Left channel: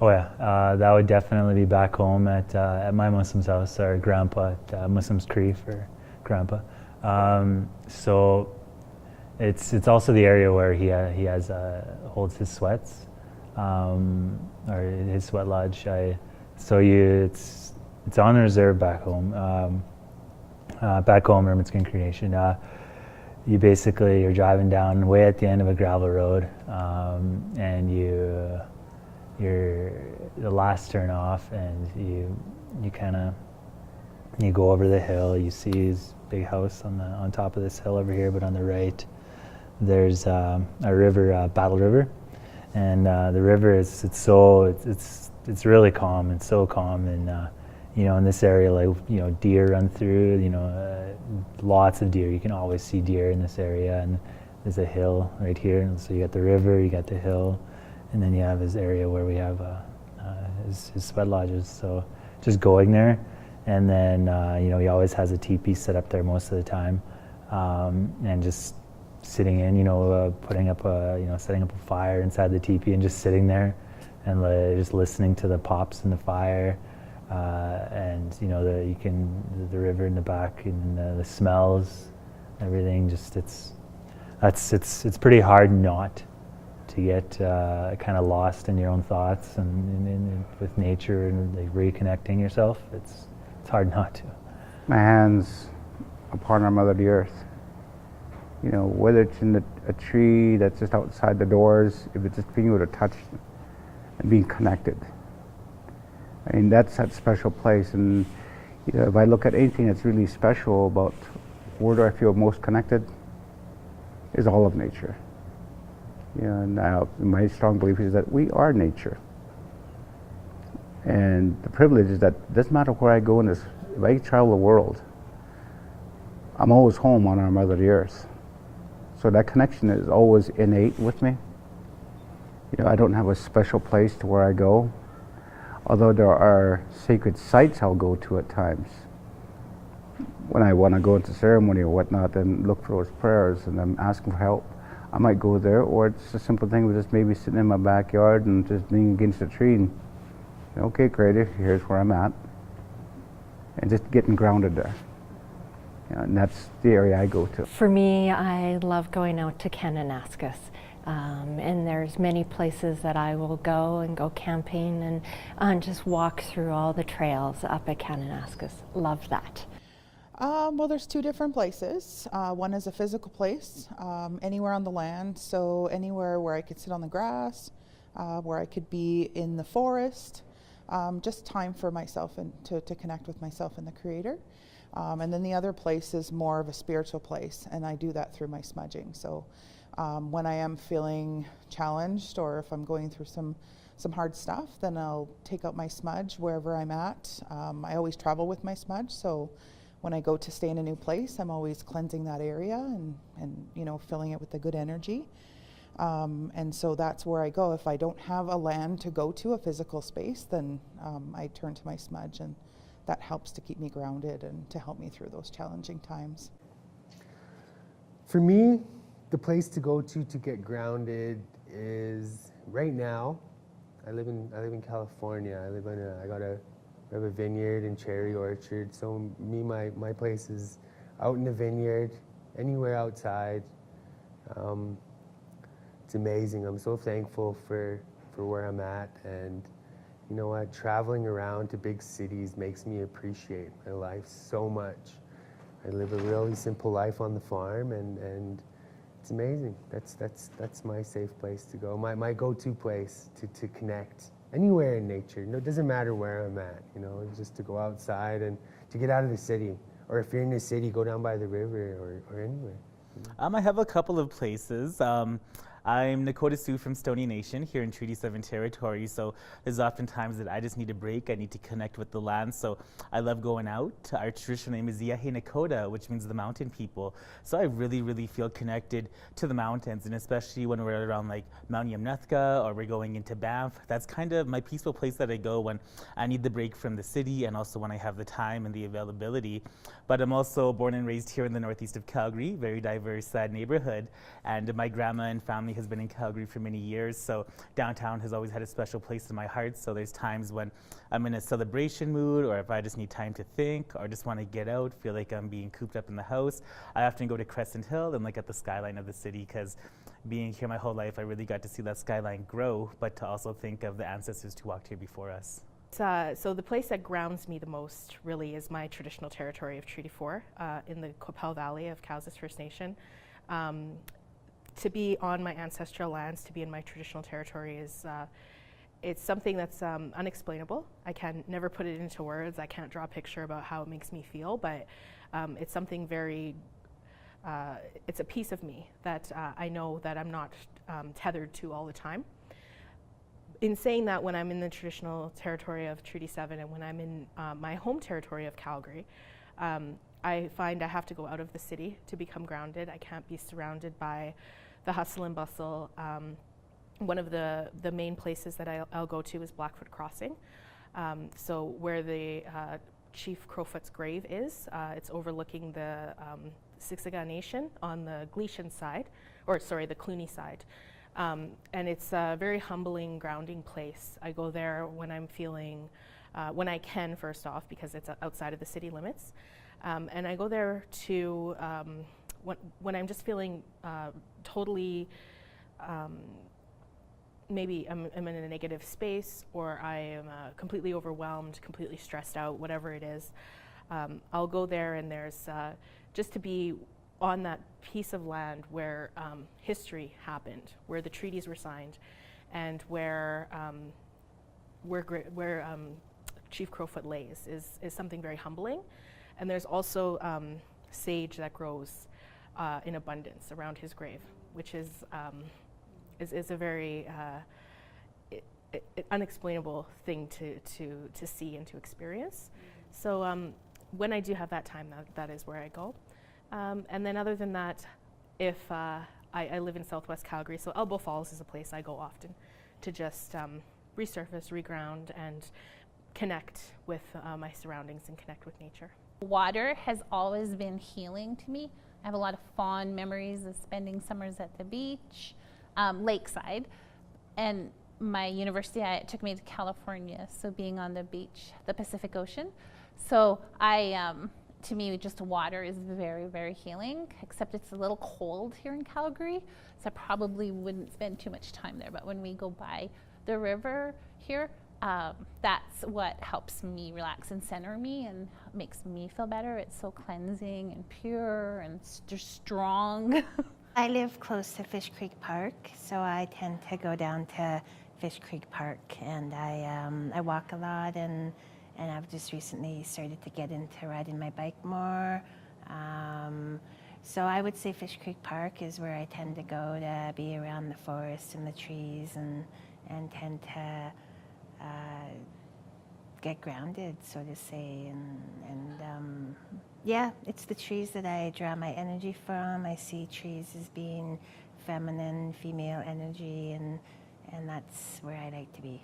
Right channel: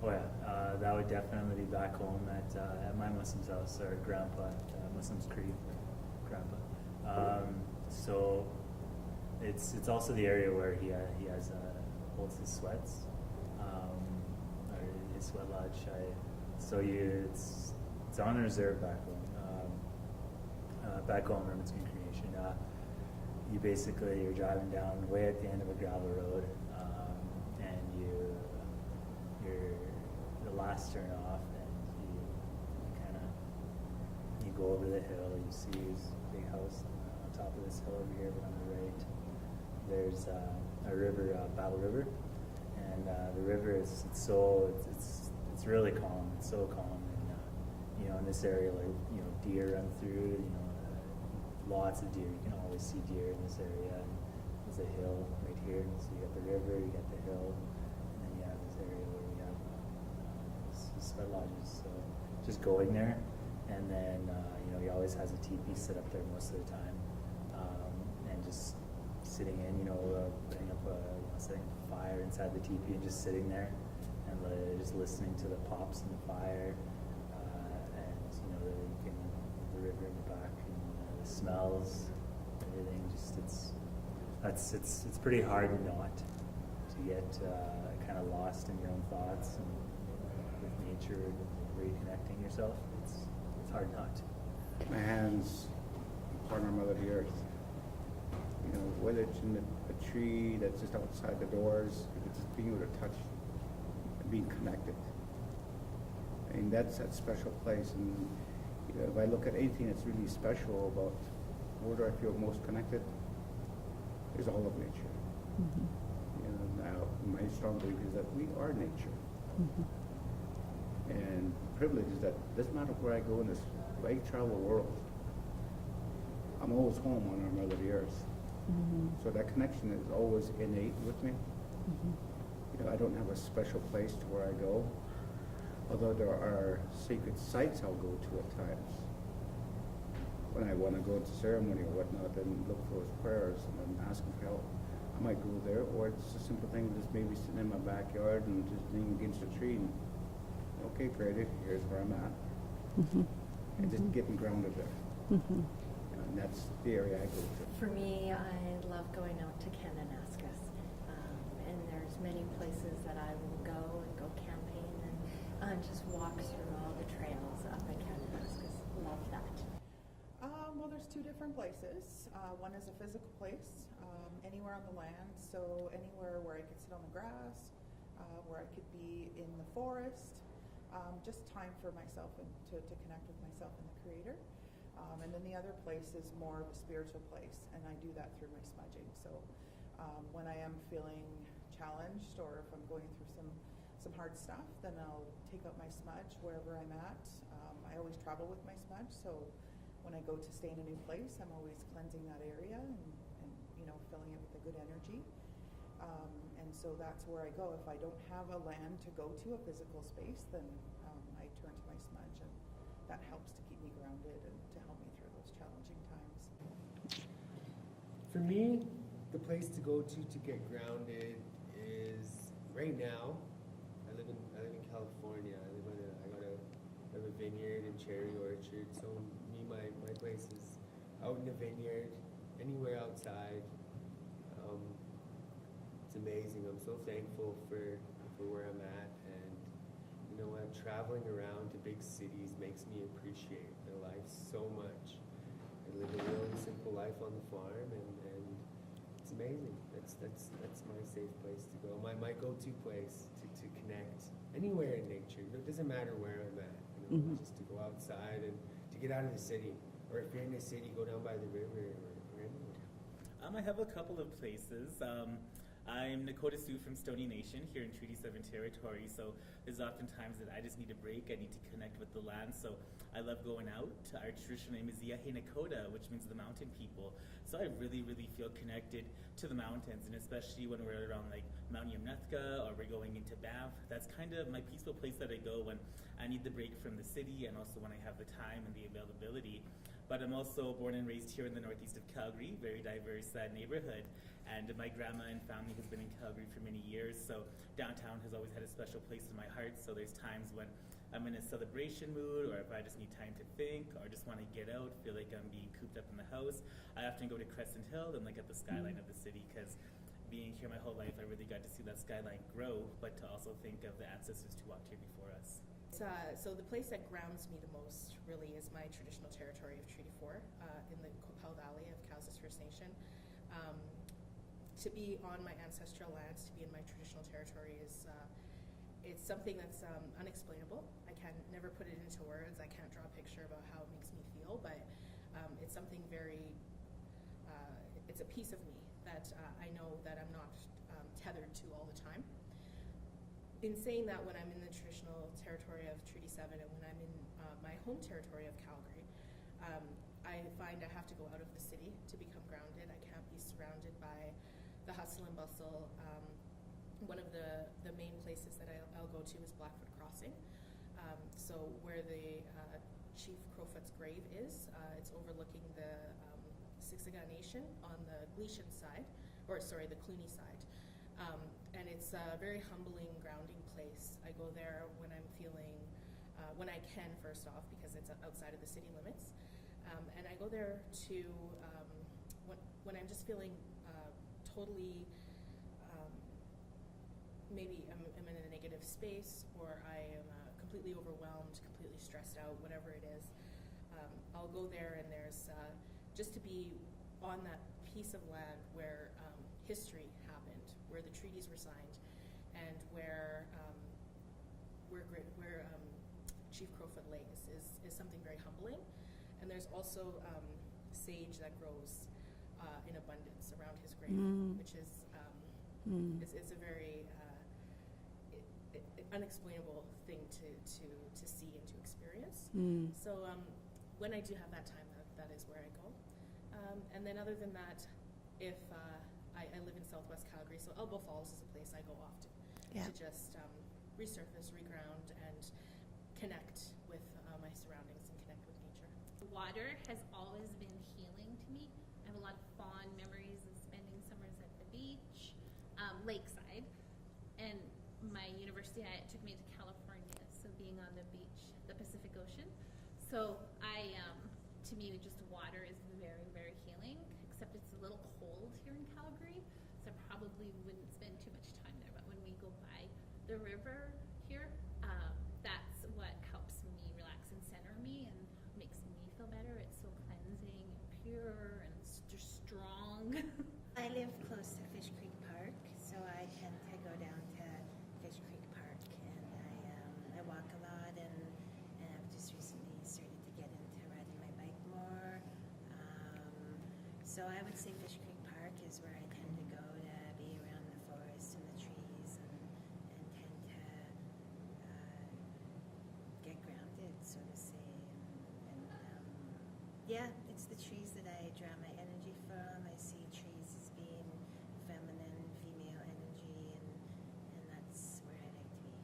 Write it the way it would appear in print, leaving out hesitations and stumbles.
Oh yeah, that would definitely be back home at my Muslim's house, or grandpa at Muslim's Cree for grandpa. So it's also the area where he has holds his sweats, or his sweat lodge. It's on reserve back home. Back home, Hermitskin Creation. You're driving down way at the end of a gravel road, and you're the last turn off, and you go over the hill. You see his big house on top of this hill over here, but on the right there's a river, Battle River, and the river it's really calm. It's so calm, and in this area, like deer run through. Lots of deer. You can always see deer in this area, and there's a hill right here, and so you got the river, you got the hill, and then you have his area where we have his sweat lodges. So just going there, and then he always has a teepee set up there most of the time, and just sitting in, setting up a fire inside the teepee and just sitting there, and just listening to the pops in the fire, and the river in the back, and the smells, everything. It's pretty hard not to get kind of lost in your own thoughts and with nature, and like reconnecting yourself. It's hard not to. My hands upon our Mother the Earth. Whether it's in a tree that's just outside the doors, if it's just being able to touch and being connected. I mean, that's that special place. And if I look at anything that's really special about where do I feel most connected, is all of nature. Mm-hmm. And my strong belief is that we are nature. Mm-hmm. And the privilege is that it doesn't matter where I go in this, if I travel the world, I'm always home on our Mother the Earth. Mm-hmm. So that connection is always innate with me. Mm-hmm. I don't have a special place to where I go, although there are sacred sites I'll go to at times. When I want to go into ceremony or whatnot and look for those prayers and I'm asking for help, I might go there, or it's a simple thing of just maybe sitting in my backyard and just being against a tree and, okay, Creator, here's where I'm at. Mm-hmm. And just getting grounded there. Mm-hmm. And that's the area I go to. For me, I love going out to Kananaskis. And there's many places that I will go camping and just walk through all the trails up at Kananaskis. Love that. Well, there's two different places. One is a physical place, anywhere on the land. So anywhere where I could sit on the grass, where I could be in the forest, just time for myself and to connect with myself and the Creator. And then the other place is more of a spiritual place, and I do that through my smudging. So when I am feeling challenged, or if I'm going through some hard stuff, then I'll take out my smudge wherever I'm at. I always travel with my smudge, so when I go to stay in a new place, I'm always cleansing that area and filling it with the good energy. And so that's where I go. If I don't have a land to go to, a physical space, then I turn to my smudge, and that helps to keep me grounded and to help me through those challenging times. For me, the place to go to get grounded is, right now, I live in California. I have a vineyard and cherry orchard. So my place is out in the vineyard, anywhere outside. It's amazing. I'm so thankful for where I'm at, and you know what? Traveling around to big cities makes me appreciate my life so much. I live a really simple life on the farm, and it's amazing. That's my safe place to go. My go-to place to connect anywhere in nature. It doesn't matter where I'm at. Just to go outside and to get out of the city. Or if you're in the city, go down by the river or anywhere. I have a couple of places. I'm Nakota Sioux from Stoney Nation here in Treaty 7 territory, so there's often times that I just need a break. I need to connect with the land, so I love going out. Our traditional name is Yahe Nakota, which means the mountain people. So I really, really feel connected to the mountains, and especially when we're around like Mount Yamnuthka or we're going into Banff. That's kind of my peaceful place that I go when I need the break from the city, and also when I have the time and the availability. But I'm also born and raised here in the northeast of Calgary, very diverse neighborhood, and my grandma and family family has been in Calgary for many years, so downtown has always had a special place in my heart. So there's times when I'm in a celebration mood, or if I just need time to think, or just want to get out, feel like I'm being cooped up in the house, I often go to Crescent Hill and look at the skyline of the city, because being here my whole life, I really got to see that skyline grow, but to also think of the ancestors who walked here before us. So the place that grounds me the most really is my traditional territory of Treaty 4 in the Qu'Appelle Valley of Cowes First Nation. To be on my ancestral lands, to be in my traditional territory is it's something that's unexplainable. I can never put it into words. I can't draw a picture about how it makes me feel, but it's something very, it's a piece of me that I know that I'm not tethered to all the time. In saying that, when I'm in the traditional territory of Treaty 7 and when I'm in my home territory of Calgary, I find I have to go out of the city to become grounded. I can't be surrounded by the hustle and bustle. One of the main places that I'll go to is Blackfoot Crossing. So where the Chief Crowfoot's grave is, it's overlooking the Siksika Nation on the Gleason side, or sorry, the Cluny side. And it's a very humbling, grounding place. I go there when I'm feeling, when I can, first off, because it's outside of the city limits. And I go there to, when I'm just feeling totally, maybe I'm in a negative space, or I am completely overwhelmed, completely stressed out, whatever it is. I'll go there, and there's just to be on that piece of land where history happened, where the treaties were signed, and where Chief Crowfoot lays is something very humbling. And there's also sage that grows in abundance around his grave, which is a very unexplainable thing to see and to experience. So when I do have that time, that is where I go. And then other than that, if I live in Southwest Calgary, so Elbow Falls is a place I go often to just resurface, reground, and connect with my surroundings and connect with nature. Water has always been healing to me. I have a lot of fond memories of spending summers at the beach, lakeside, and my university took me to California, so being on the beach, the Pacific Ocean. So to me, just water is very, very healing, except it's a little cold here in Calgary, so I probably wouldn't spend too much time there. But when we go by the river here, that's what helps me relax and center me and makes me feel better. It's so cleansing and pure and just strong. I live close to Fish Creek Park, so I tend to go down to Fish Creek Park, and I walk a lot, and I've just recently started to get into riding my bike more. So I would say Fish Creek Park is where I tend to go to be around the forest and the trees, and tend to get grounded, so to say. And yeah, it's the trees that I draw my energy from. I see trees as being feminine, female energy, and that's where I like to be.